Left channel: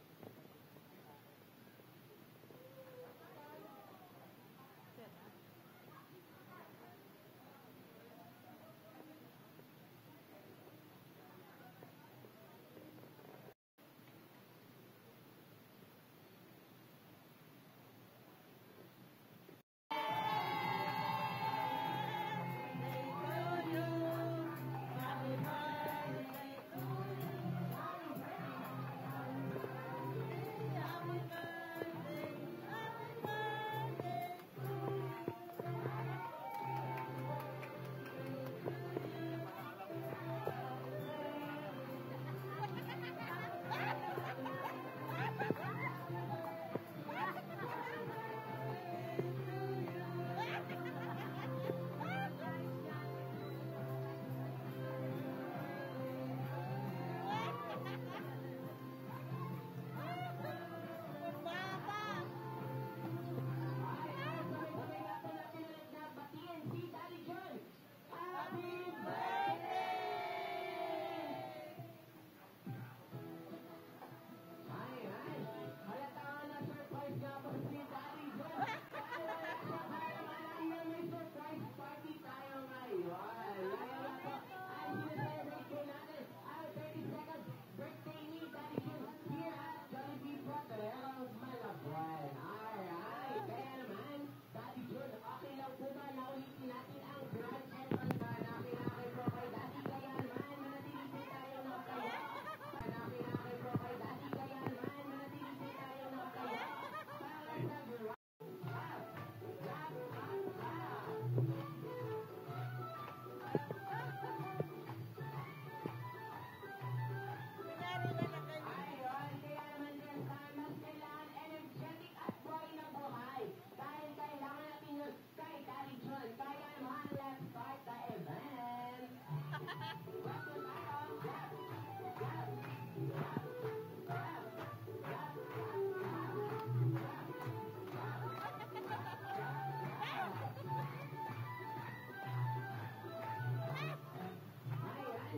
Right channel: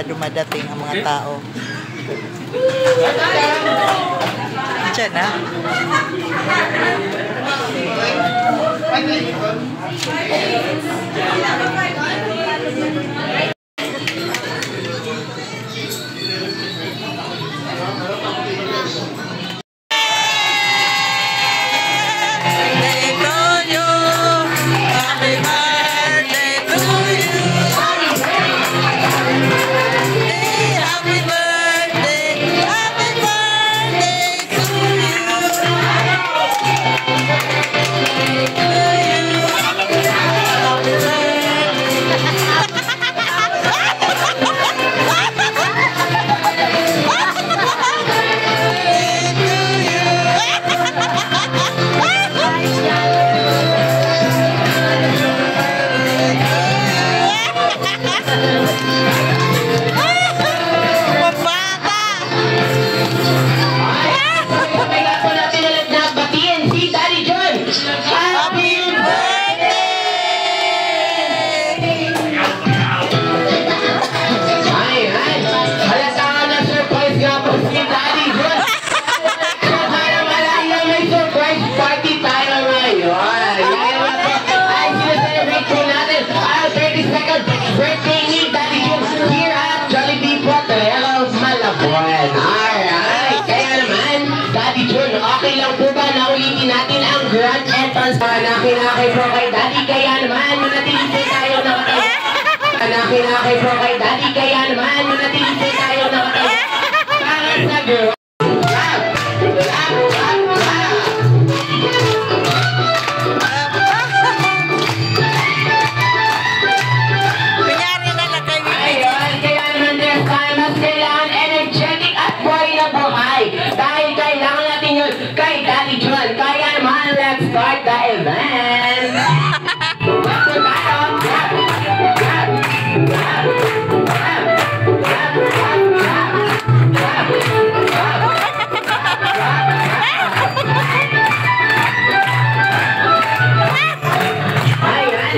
pa dumadating ang mga tao. Diyan na. Kinakay po kay Daddy, kaya naman manatili po tayo nakatayo. Kinakay po kay Daddy, kaya naman manatili po tayo nakatayo. Parang sa girl. Kunyari na lang kay Bibi. Ayun, kaya naman this time, mas kailangan energetic at buhay na buhay. Dahil kailangan natin yun kay Daddy John. Kaya naman, let's start the event.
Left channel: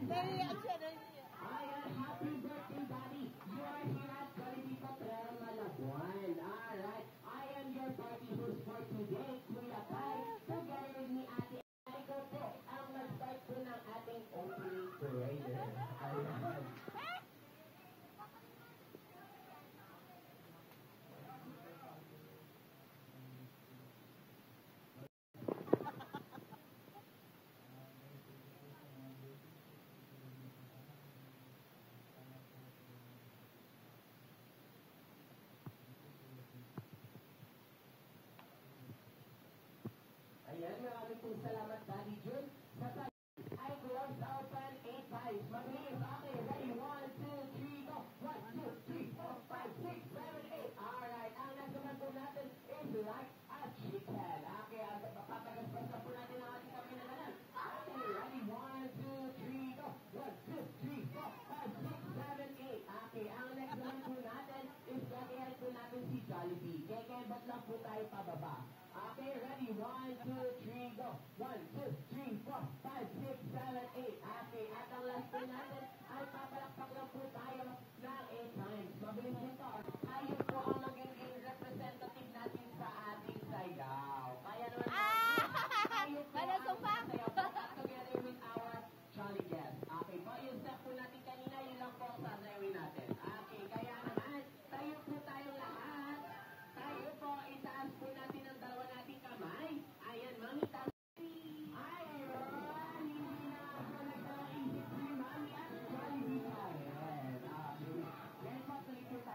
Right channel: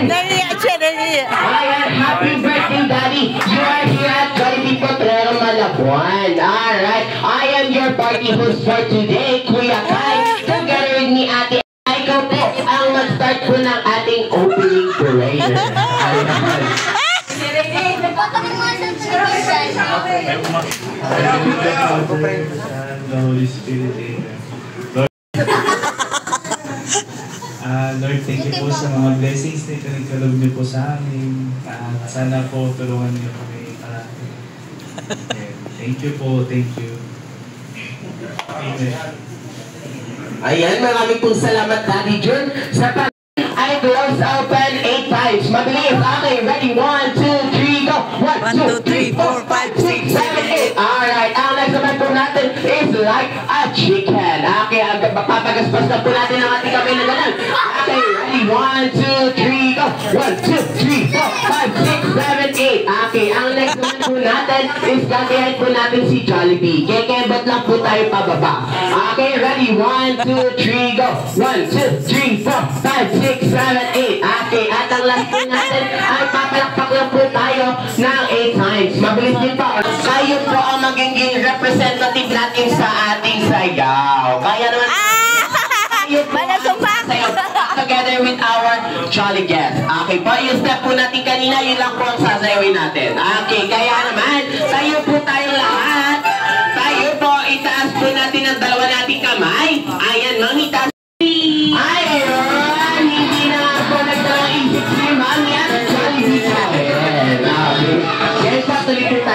Naiiyak siya, naiiyak. Ayan, happy birthday, Daddy. You are here at Jollibee Potrero, Malabon. Alright, I am your party host for today, Kuya Kai. Together with me, Ate Ay, ikaw po ang mag-start po ng ating opening parade. Lord, thank you po sa mga blessings na itinagkaloob niyo po sa amin. Sana po tulungan niyo kami parati. Thank you po, thank you. Amen. Ayan, maraming pong salamat, Daddy John. Sa I close open 8 times. Mabilis. Okay, ready? 1, 2, 3, go. 1, 2, 3, 4, 5, 6, 7, 8. Alright, ang next naman po natin is like a chicken. Okay, papagaspas na po natin ang ating kamay na ganun. Okay, ready? 1, 2, 3, go. 1, 2, 3, 4, 5, 6, 7, 8. Okay, ang next naman po natin is gagayahin po natin si Jollibee. Kekebot lang po tayo pababa. Okay, ready? 1, 2, 3, go. 1, 2, 3, 4, 5, 6, 7, 8. Okay, at ang last po natin ay papalakpak lang po tayo ng 8 times. Mabilis din po. Kayo po ang magiging representative natin sa ating sayaw. Kaya naman kayo po ang sayaw together with our jolly guest. Okay po, yung step po natin kanina, yun lang po ang sasayawin natin. Okay, kaya naman, tayo po tayong lahat. Tayo po, itaas po natin ang dalawa nating kamay. Ayan, mangitaas. Ayun, hindi na ako nagdalang isip si Mami at Jollibee. Ayan, okay. Yan pa, tuloy po tayo.